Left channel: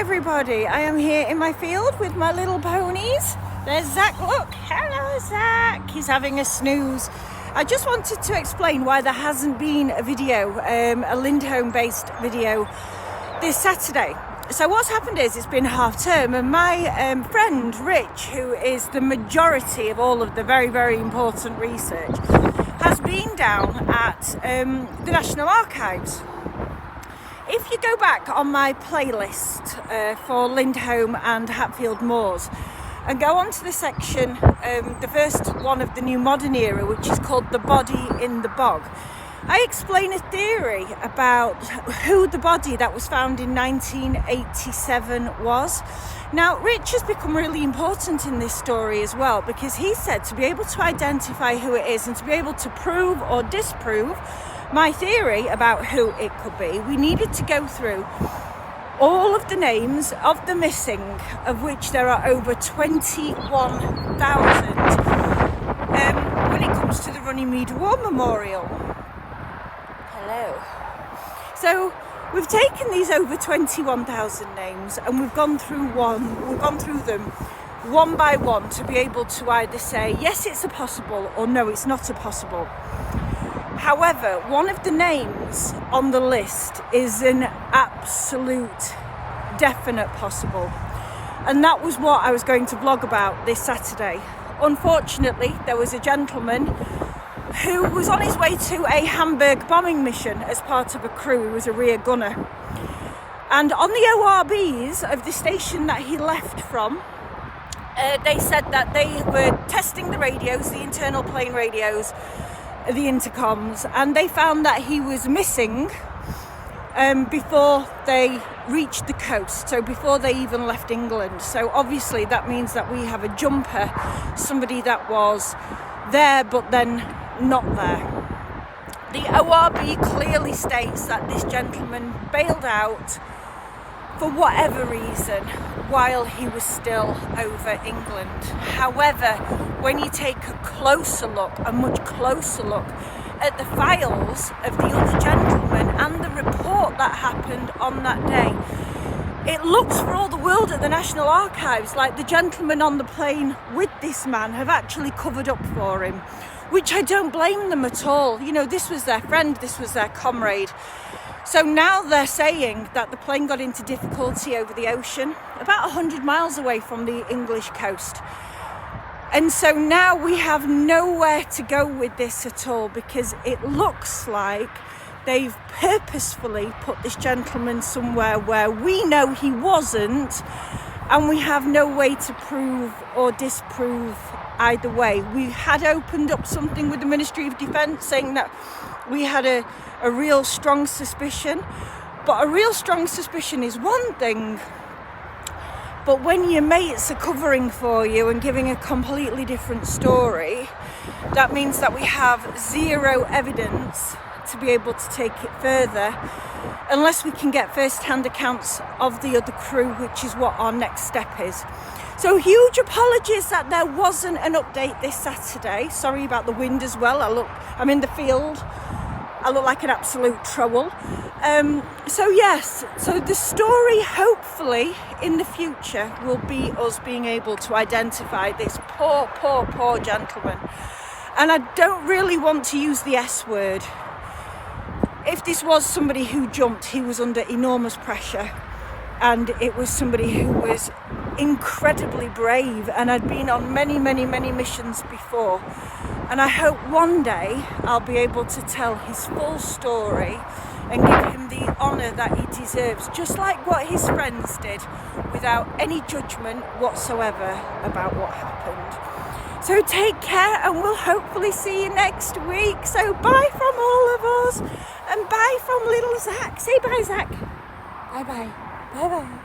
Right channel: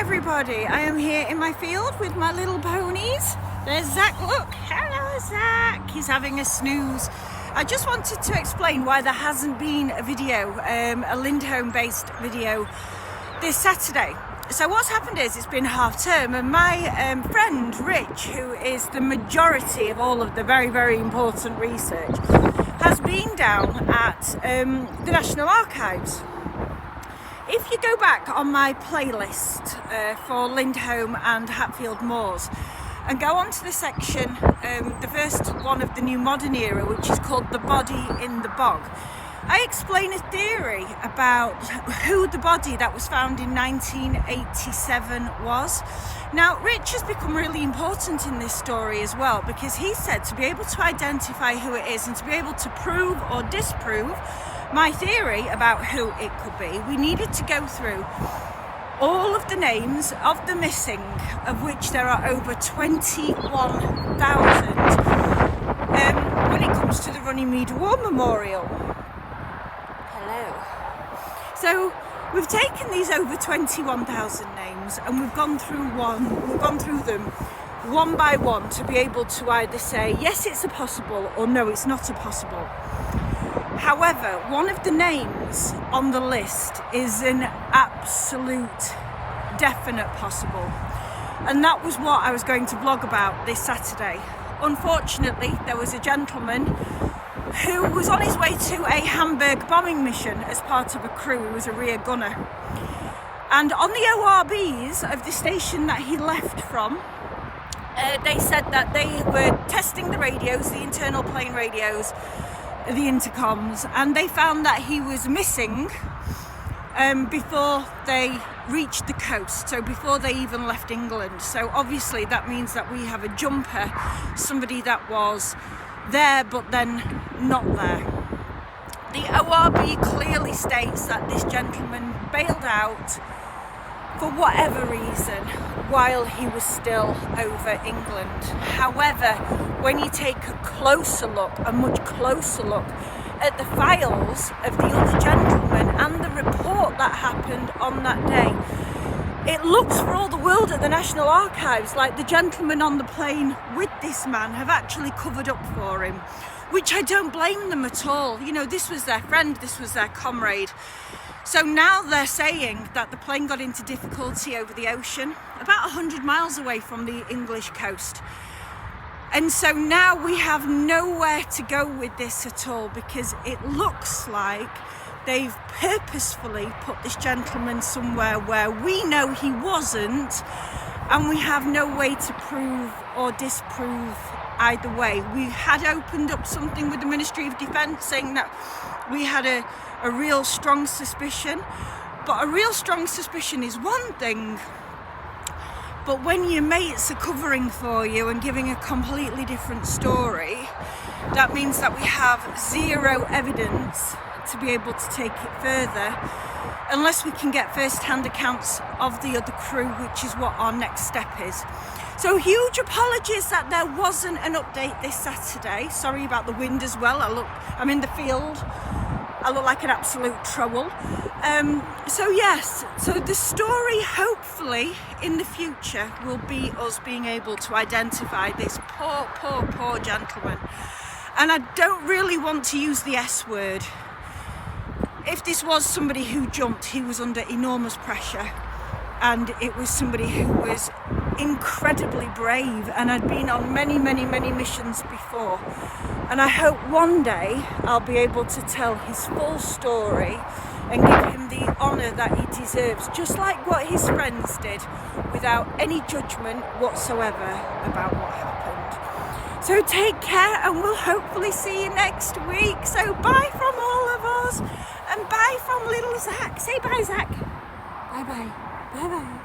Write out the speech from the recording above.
everybody, I am here in my field with my little ponies. There's Zach, look, hello Zach, he's having a snooze. I just wanted to explain why there hasn't been a video, a Lindholm based video this Saturday. So what's happened is it's been half term and my friend Rich, who is the majority of all of the very, very important research, has been down at the National Archives. If you go back on my playlist for Lindholm and Hatfield Moors and go on to the section, the first one of the New Modern Era, which is called The Body in the Bog, I explain a theory about who the body that was found in 1987 was. Now, Rich has become really important in this story as well, because he said to be able to identify who it is and to be able to prove or disprove my theory about who it could be, we needed to go through all of the names of the missing, of which there are over 21,000 when it comes to the Runnymede War Memorial. Hello. So we've taken these over 21,000 names and we've gone through them one by one to be able to either say yes, it's a possible, or no, it's not a possible. However, one of the names on the list is an absolute definite possible, and that was what I was going to vlog about this Saturday. Unfortunately, there was a gentleman who was on his way to a Hamburg bombing mission as part of a crew. He was a rear gunner, and on the ORBs of the station that he left from, they said that they were testing the radios, the internal plane radios, the intercoms, and they found that he was missing before they reached the coast, so before they even left England. So obviously that means that we have a jumper, somebody that was there but then not there. The ORB clearly states that this gentleman bailed out for whatever reason while he was still over England. However, when you take a closer look, a much closer look at the files of the other gentleman and the report that happened on that day, it looks for all the world at the National Archives like the gentlemen on the plane with this man have actually covered up for him, which I don't blame them at all. You know, this was their friend, this was their comrade. So now they're saying that the plane got into difficulty over the ocean, about 100 miles away from the English coast. And so now we have nowhere to go with this at all, because it looks like they've purposefully put this gentleman somewhere where we know he wasn't, and we have no way to prove or disprove either way. We had opened up something with the Ministry of Defence saying that we had a real strong suspicion, but a real strong suspicion is one thing, but when your mates are covering for you and giving a completely different story, that means that we have zero evidence to be able to take it further unless we can get first-hand accounts of the other crew, which is what our next step is. So huge apologies that there wasn't an update this Saturday. Sorry about the wind as well. I'm in the field. I look like an absolute troll. So yes, so the story hopefully in the future will be us being able to identify this poor gentleman. And I don't really want to use the S word. If this was somebody who jumped, he was under enormous pressure, and it was somebody who was incredibly brave and had been on many missions before. And I hope one day I'll be able to tell his full story and give him the honour that he deserves, just like what his friends did, without any judgment whatsoever about what happened. So take care, and we'll hopefully see you next week. So bye from all of us, and bye from little Zach. Say bye, Zach. Bye bye. Bye bye.